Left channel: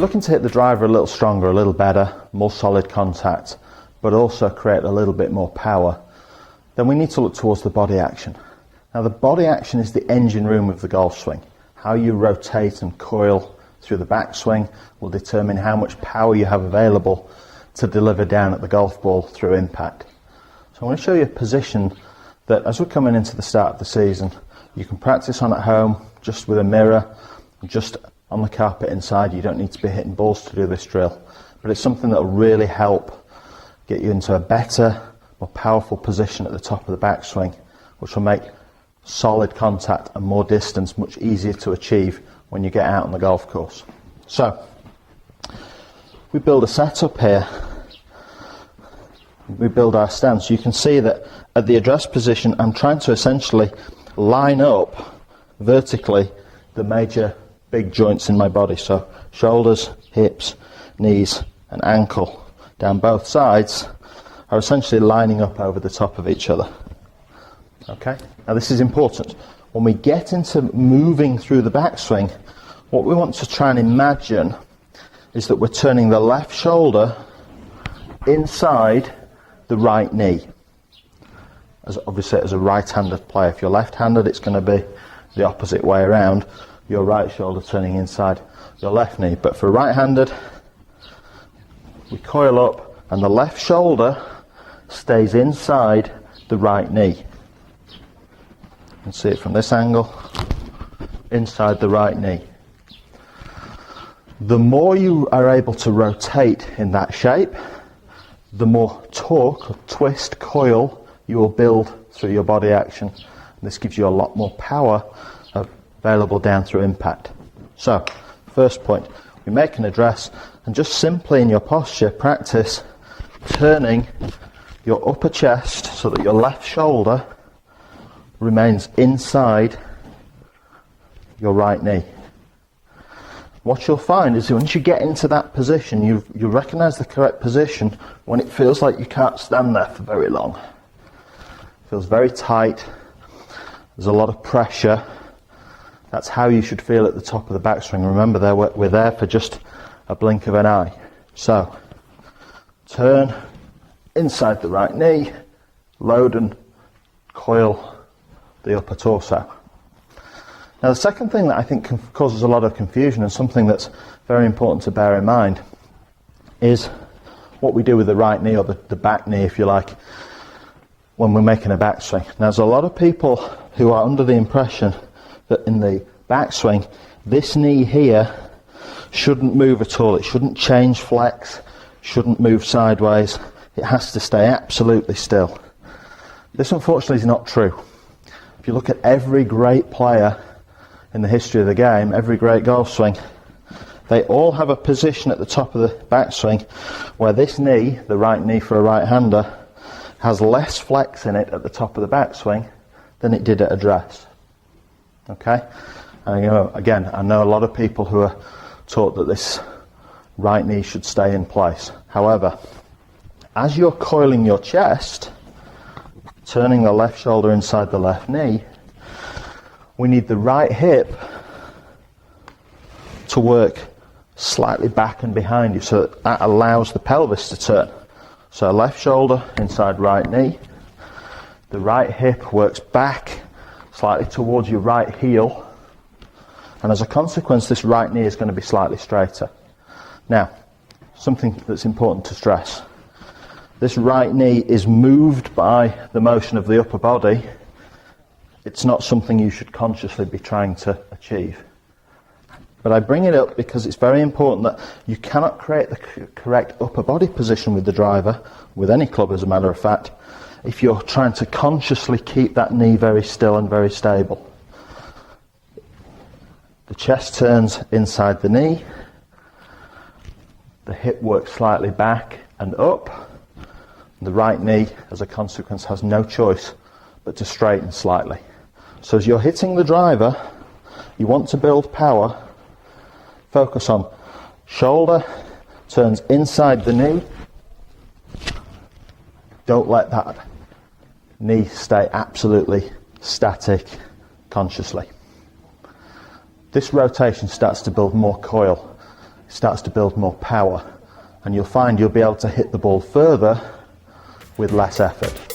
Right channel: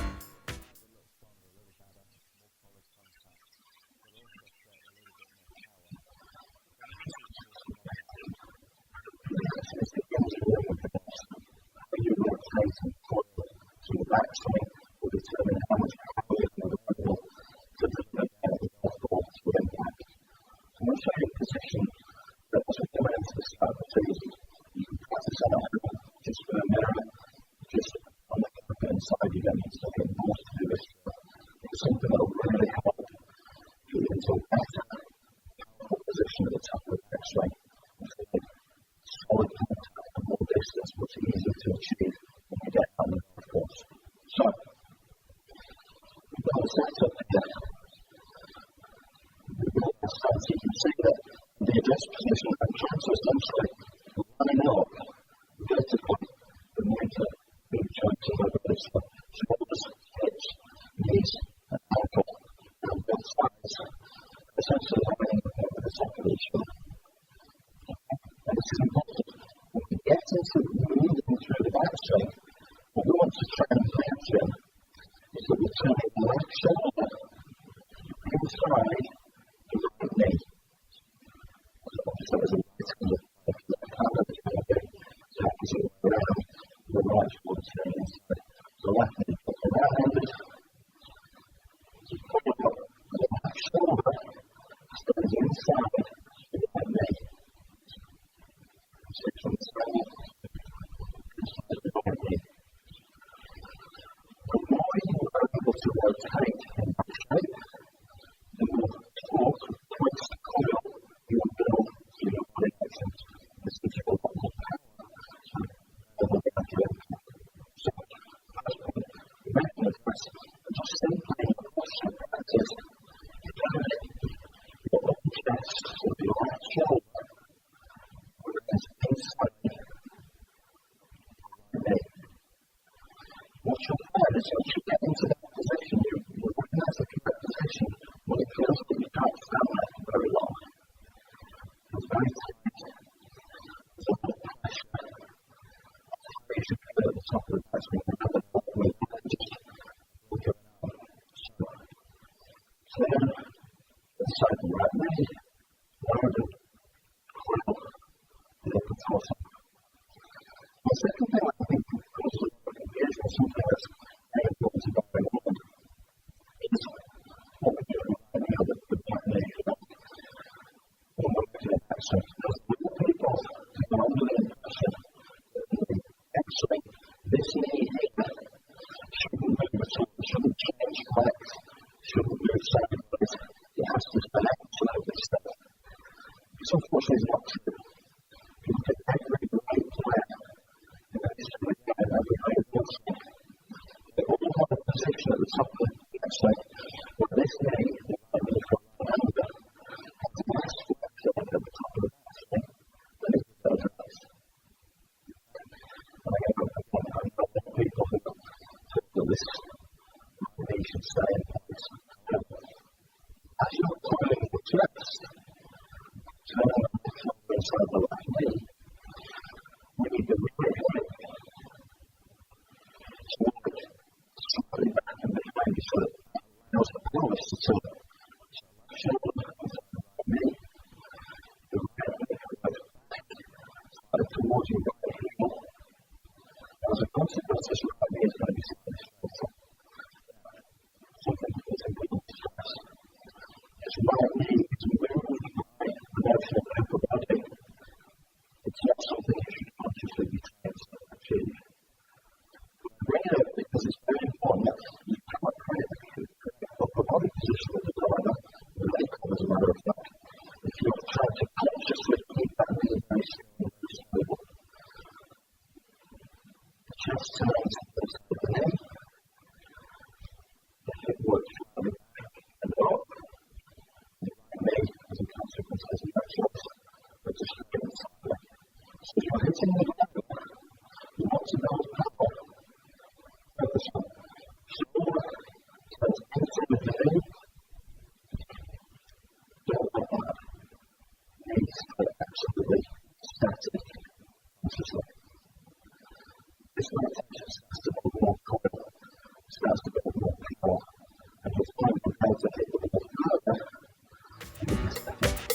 we're looking to hit the driver a little stronger, a little better, more solid contact, but also create a little bit more power, then we need to look towards the body action. Now the body action is the engine room of the golf swing. How you rotate and coil through the backswing will determine how much power you have available to deliver down at the golf ball through impact. So I'm going to show you a position that, as we're coming into the start of the season, you can practice on at home, just with a mirror, just on the carpet inside. You don't need to be hitting balls to do this drill, but it's something that will really help get you into a better, more powerful position at the top of the backswing, which will make solid contact and more distance much easier to achieve when you get out on the golf course. So we build a setup here. We build our stance. You can see that at the address position I'm trying to essentially line up vertically the major big joints in my body. So shoulders, hips, knees and ankle down both sides are essentially lining up over the top of each other. Okay, now this is important. When we get into moving through the backswing, what we want to try and imagine is that we're turning the left shoulder inside the right knee. As obviously as a right-handed player, if you're left-handed it's going to be the opposite way around, your right shoulder turning inside your left knee. But for right-handed, we coil up and the left shoulder stays inside the right knee. You can see it from this angle, inside the right knee. The more you are able to rotate in that shape, the more torque, or twist, coil you will build through your body action. And this gives you a lot more power available down through impact. So, first point, we make an address and just simply in your posture practice turning your upper chest so that your left shoulder remains inside your right knee. What you'll find is once you get into that position, you'll recognise the correct position when it feels like you can't stand there for very long. It feels very tight, there's a lot of pressure. That's how you should feel at the top of the backswing. Remember, we're there for just a blink of an eye. So, turn inside the right knee, load and coil the upper torso. Now the second thing that I think causes a lot of confusion and something that's very important to bear in mind is what we do with the right knee, or the back knee if you like, when we're making a backswing. Now there's a lot of people who are under the impression that in the backswing this knee here shouldn't move at all. It shouldn't change flex, shouldn't move sideways. It has to stay absolutely still. This unfortunately is not true. If you look at every great player in the history of the game, every great golf swing, they all have a position at the top of the backswing where this knee, the right knee for a right-hander, has less flex in it at the top of the backswing than it did at address. Okay? And again, I know a lot of people who are taught that this right knee should stay in place. However, as you're coiling your chest, turning the left shoulder inside the left knee, we need the right hip to work slightly back and behind you so that allows the pelvis to turn. So left shoulder inside right knee, the right hip works back slightly towards your right heel, and as a consequence this right knee is going to be slightly straighter. Now, something that's important to stress. This right knee is moved by the motion of the upper body. It's not something you should consciously be trying to achieve. But I bring it up because it's very important that you cannot create the correct upper body position with the driver, with any club as a matter of fact, if you're trying to consciously keep that knee very still and very stable. The chest turns inside the knee, the hip works slightly back and up. The right knee, as a consequence, has no choice but to straighten slightly. So as you're hitting the driver, you want to build power, focus on shoulder, turns inside the knee. Don't let that knee stay absolutely static consciously. This rotation starts to build more coil. starts to build more power, and you'll find you'll be able to hit the ball further with less effort.